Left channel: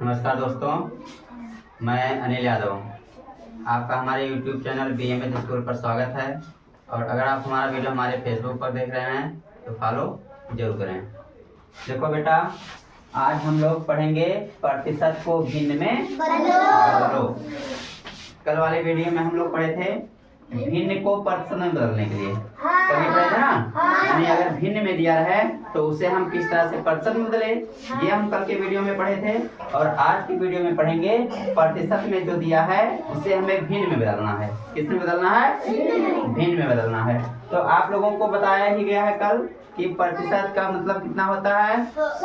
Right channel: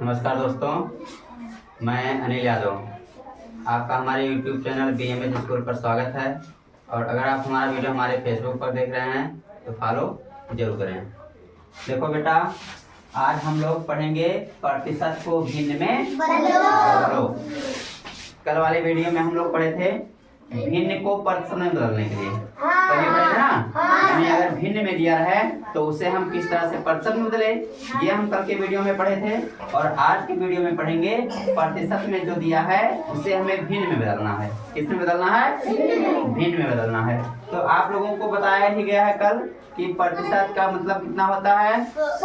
नमस्कार दोस्तों, मैं अनिल यादव। आपका हमारे YouTube चैनल BMS स्कूल पर स्वागत है। और अगर आप हमारा वीडियो हमारे फेसबुक पर देख रहे हैं तो फॉलो जरूर करें। देखो बेटा, आज हम लोग पढ़ेंगे प्रतिशत को भिन्न में बदलो। कल वाले वीडियो में हम लोग पढ़े थे भिन्न को प्रतिशत में बदलने के लिए। कभी पढ़े थे ना, यानी अगर भिन्न में दिया है तो उसे हम किस तरह से प्रतिशत में बदले, ये हम कल के वीडियो में पढ़े थे। और आज के वीडियो में पढ़ेंगे प्रतिशत में जो दिया है उसे हमें भिन्न में बदलना है। किस में बदलना है? भिन्न में बदलना है। तो आप लोगों को बताया ही गया है कल कि प्रतिशत का मतलब कितना होता है? 100,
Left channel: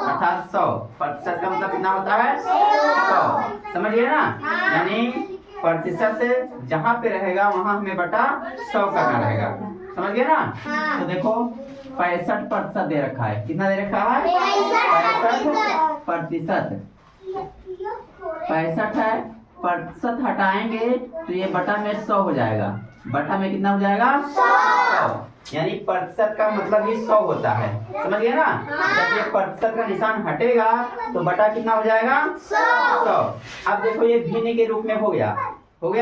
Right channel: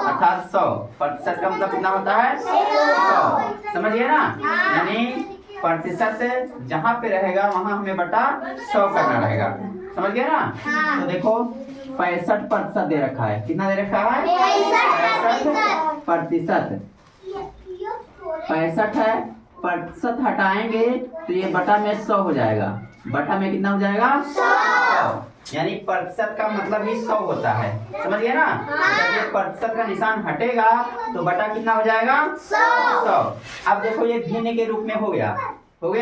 अर्थात 100। प्रतिशत का मतलब कितना होता है? 100। समझिए ना, यानी प्रतिशत जहाँ पे रहेगा वहाँ हमें बटा 100 करना रहेगा। समझ गए ना? तो देखो 65% दे रखा है। कितना दे रखा है? 65%। 65 है, प्रतिशत हटाएंगे तो ये बटा में 100 हो जाएगा। बटा में कितना हो जाएगा? 100। यानी प्रतिशत का मतलब ही 100 होता है। समझ गए ना? जब ये प्रतिशत का निशान हटेगा तो बटा कितना हो जाएगा? 100। अब देखो ये भिन्न के रूप में हो गया ना। और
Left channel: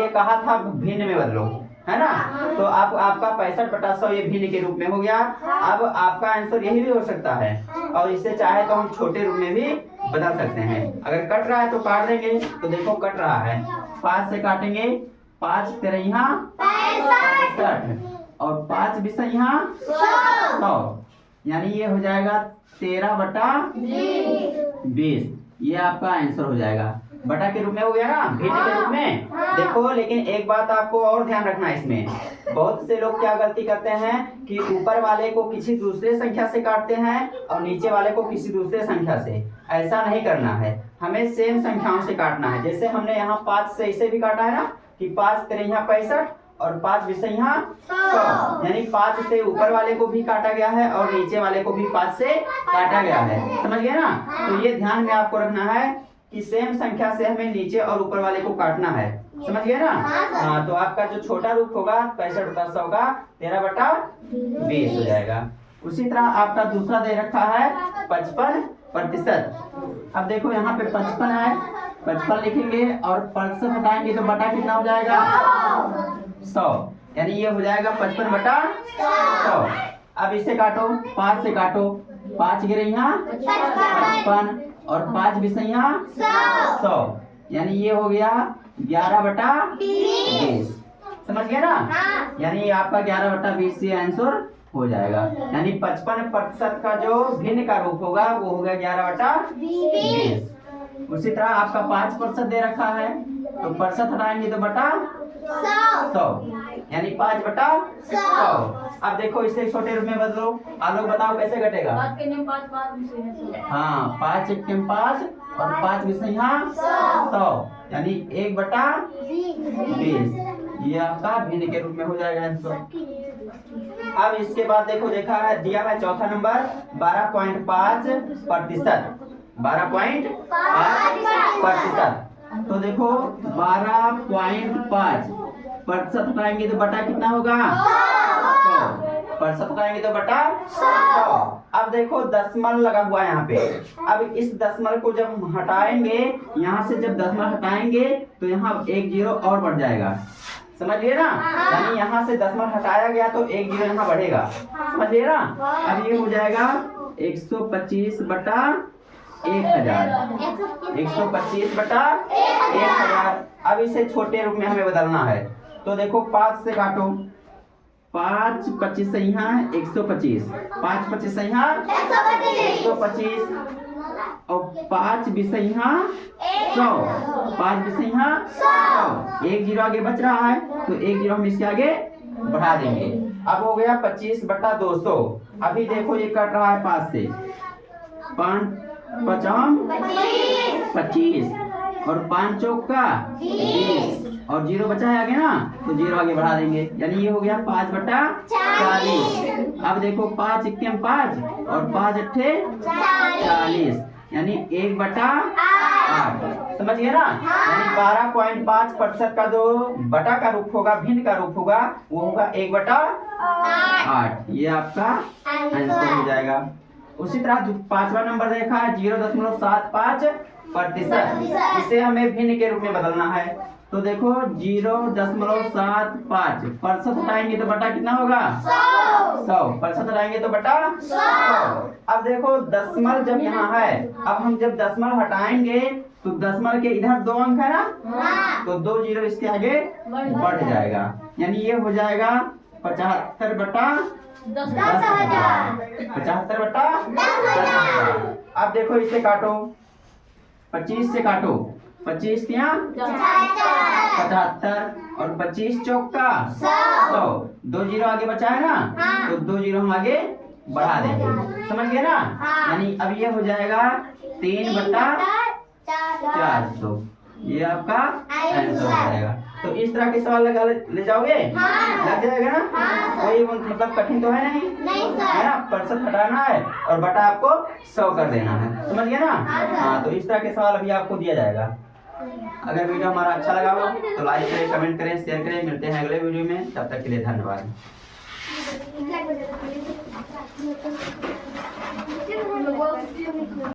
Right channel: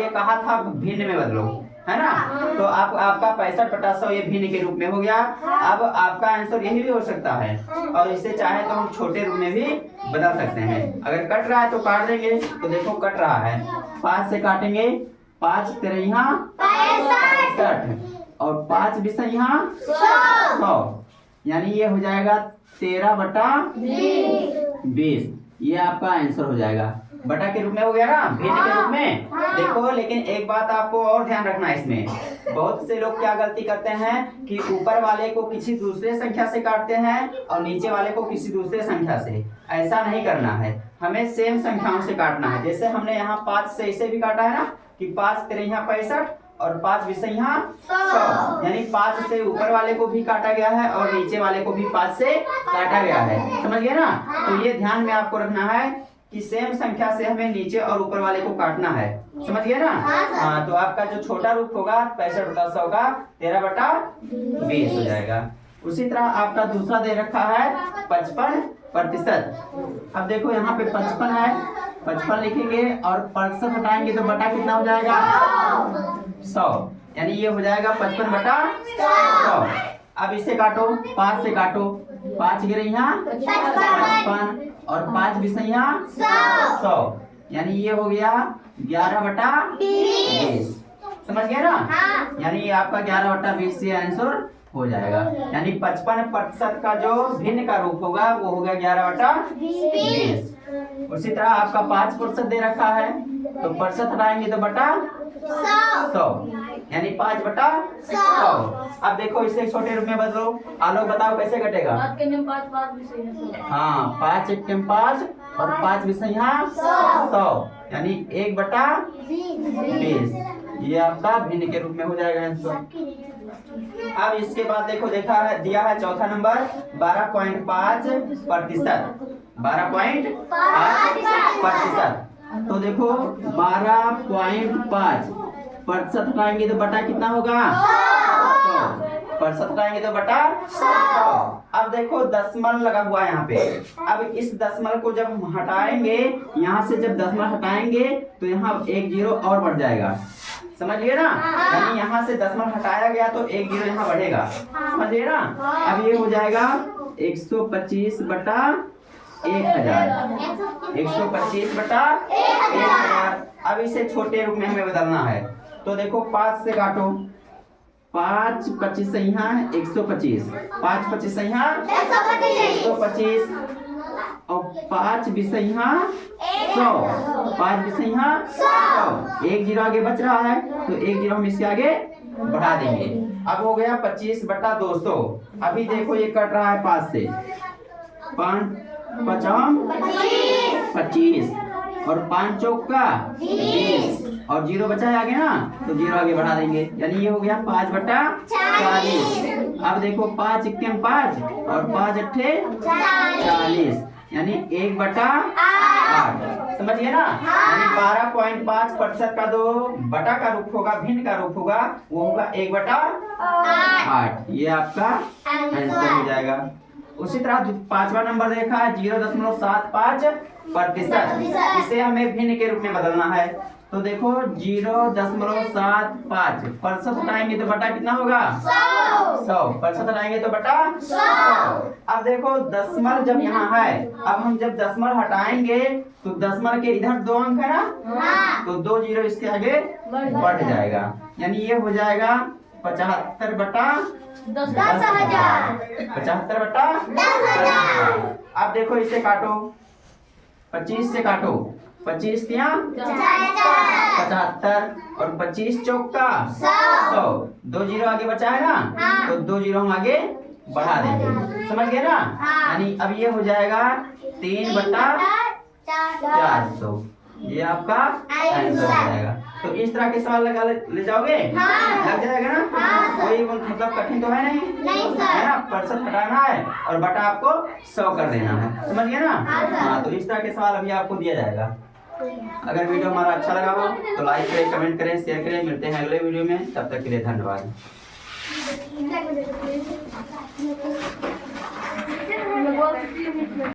ये कहा था भिन्न में बदलो, है ना? तो आपका 65/100 ये भिन्न के रूप में हो गया। अब आपका आंसर यही भी हो सकता है, और इसे चाहे तो हम छोटे रूप में भी बदल सकते हैं। अगर कट रहा है तो काट देंगे। तो देखो कट रहा है, 5 से काटेंगे, 5 तिरैया 65 और 5 बिसैया 100। यानी ये हो जाएगा 13/20। ये आपका आंसर हो जाएगा। बटा के रूप में हो गया ना, भिन्न के रूप में। देखो लेकिन एक बात आपको और ध्यान रखना है इसमें। बहुत से लोग क्या गलती करते हैं कि ऊपर वाले को किसी दूसरे संख्या से काटते हैं और नीचे वाले को किसी दूसरे संख्या से। ऐसा नहीं करना है, हमें सेम संख्याओं से काटना है। जैसे हमने यहाँ 5 से इसे भी काटा है ना कि 5 तिरैया 65 और 5 बिसैया 100। यानी 5 से ऊपर वाले को भी काटा गया है और नीचे वाले को भी 5 से काटा गया है। समझ गए ना? तो ये ध्यान में आपको रखना है कि सेम संख्या से हमें नीचे और ऊपर वाले को काटना है। समझ गए ना? हाँ, तो आपका जो छोटा रूप होगा 65/100 का 13/20 हो जाएगा। उसी तरह आपका दूसरा दे रखा है 55%। अब देखो यहाँ पे 55 है, 55 लिखेंगे और प्रतिशत हटाएंगे तो बटा कितना हो जाएगा? 100। यानी ये हो जाएगा 55/100। अब इसे काटो, 5 से काटो, 5 गिरैया 55 और 5 बिसैया 100। यानी ये हो गया 11/20। समझ गए ना? यानी आपका 11/20 से आंसर हो जाएगा। यानी 55% का जो भिन्न का रूप होगा वो होगा 11/20। उसी तरह आपका 5% दे रखा है तो प्रतिशत हटाएंगे तो बटा 100। यानी 5/100। अब देखो इसे छोटे रूप में बदलो। आलोक बताओ कैसे घटेगा? 5 1 5 और 5 बिसैया 100। यानी 1/20। ये आपका भिन्न के रूप में हो जाएगा आंसर। अब इसके बाद देखो दिया है चौथा नंबर 12.5%। 12.5%। तो देखो 12.5 प्रतिशत हटाएंगे तो बटा कितना होगा? 100। प्रतिशत हटाएंगे तो बटा 100। अब देखो दशमलव लगा हुआ है यहाँ पे। अब इस दशमलव को जब हम हटाएंगे, यहाँ से जब दशमलव हटाएंगे तो यहाँ 1 0 और बढ़ जाएगा। समझिए ना? यानी यहाँ से दशमलव हटाया गया तो 1 0 यहाँ बढ़ेगा। समझिए ना? अब ये हो जाएगा 125/1000। 125/1000। अब इसे छोटे रूप में हमें बदलना है। तो देखो 5 से काटो, 5 पचीसैया 125, 5 पचीसैया 125 और 5 बिसैया 100, 5 बिसैया 100। 1 0 आगे बच रहा है तो 1 0 हम इसके आगे बढ़ा देंगे। अब हो गया 25/200। अभी देखो ये कट रहा है 5 से, 5 5 25 और 5 चौका 20 और 0 बचा है आगे ना, तो 0 आगे बढ़ा देंगे। यानी ये हो गया 5/40। अब देखो 5 1 5 और 5 8 40। यानी 1/8। समझिए ना। यानी 12.5% का जो बटा का रूप होगा, भिन्न का रूप होगा, वो होगा 1/8। ये आपका आंसर हो जाएगा। उसी तरह जो 5वां नंबर देखा है 0.75%, इसे हमें भिन्न के रूप में बदलना है। तो देखो 0.75 प्रतिशत हटाएंगे तो बटा कितना होगा? 100 प्रतिशत हटाएंगे तो बटा 100। अब देखो दशमलव जब यहाँ है, अब हम जब दशमलव हटाएंगे तो दशमलव के इधर 2 अंक है ना, तो 2 जीरो इसके आगे बढ़ जाएगा। यानी ये हो जाएगा 75/10,000। 75/10,000। अब देखो इसे काटो, 25 से काटो, 25 तिया 75 और 25 चौका 100। 2 जीरो आगे बचा है ना, तो 2 जीरो हम आगे बढ़ा देंगे। समझ गए ना। यानी अब ये हो जाएगा 3/400। ये आपका आंसर हो जाएगा। तो इस तरह के सवाल लगा ले जाओगे? लग जाएगा ना। कोई मतलब कठिन तो है नहीं है ना। प्रतिशत हटाना है और बटा आपको 100 कर देना है। समझ गए ना। हाँ, तो इस तरह के सवाल अभी आपको दिया जाएगा। अगर वीडियो हमारा अच्छा लगा हो तो लाइक करें, कमेंट करें, शेयर करें। मिलते हैं अगले वीडियो में, तब तक के लिए धन्यवाद।